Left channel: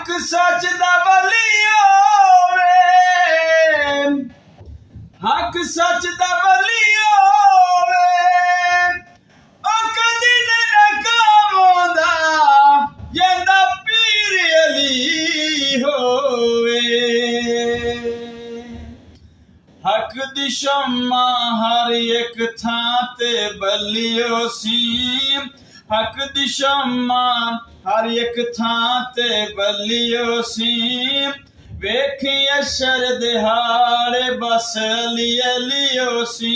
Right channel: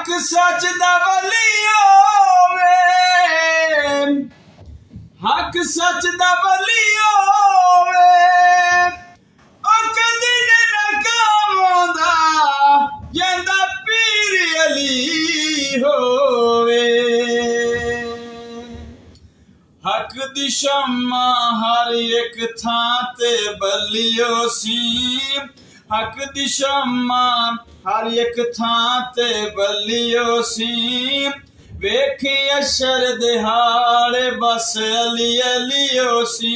हक सच दा वलियो वे, हक सच दा वलियो वे, ओ कदी न कामोंदा जेंदा पीर अली होवे। हक दी शम्मा हर एक थां ते बलियो सी, हक दी शम्मा हर एक थां ते बलियो सी, वेखी अशर दिहाड़े बस अली अलियो सी,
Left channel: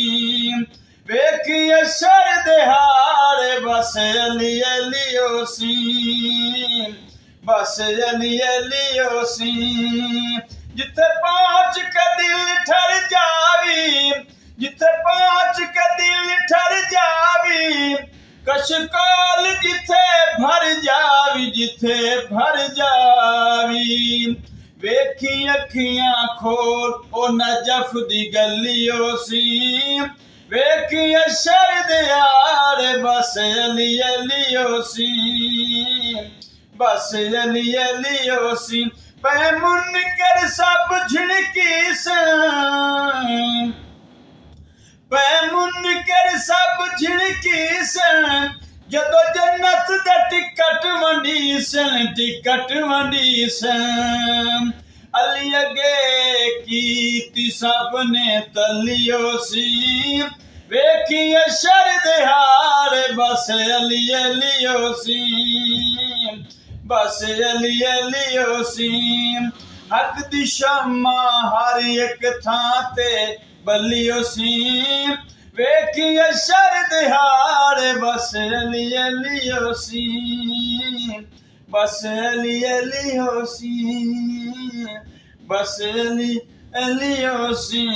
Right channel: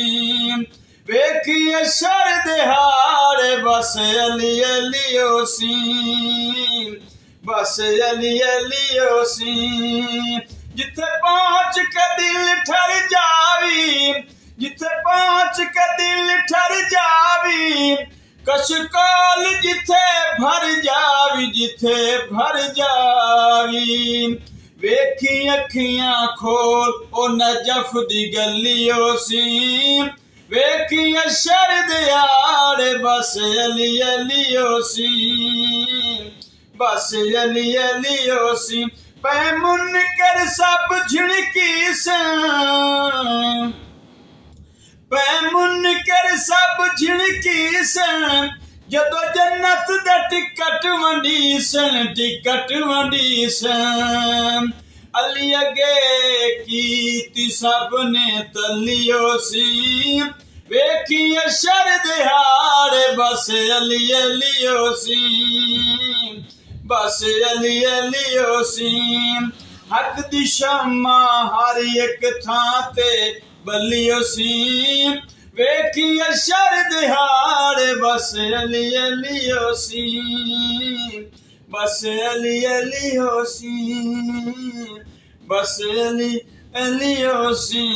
वेखी अशर दिहाड़े बस अली अलियो सी, बस अली अलियो सी। जिथे पहुंच के दिल ठर जावी, जिथे पहुंच के दिल ठर जावी, कशकोल जिथे भर जावी, जिथे भर जावी, वेखी अखियां खोल ओ नजफ दी गलियो सी, वेखी अशर दिहाड़े बस अली अलियो सी, बस अली अलियो सी। पै मुनकर सब झिड़की सन, पै मुनकर सब झिड़की सन, जदों जन्नत दा टिकट वंडी सन, टिकट वंडी सन। अली अगे कीती सब ने तलियो सी, वेखी अशर दिहाड़े बस अली अलियो सी, बस अली अलियो सी। हक दी शम्मा हर एक थां ते बलियो सी, वेखी अशर दिहाड़े बस अली अलियो सी, बस अली अलियो सी, बस अली अलियो सी।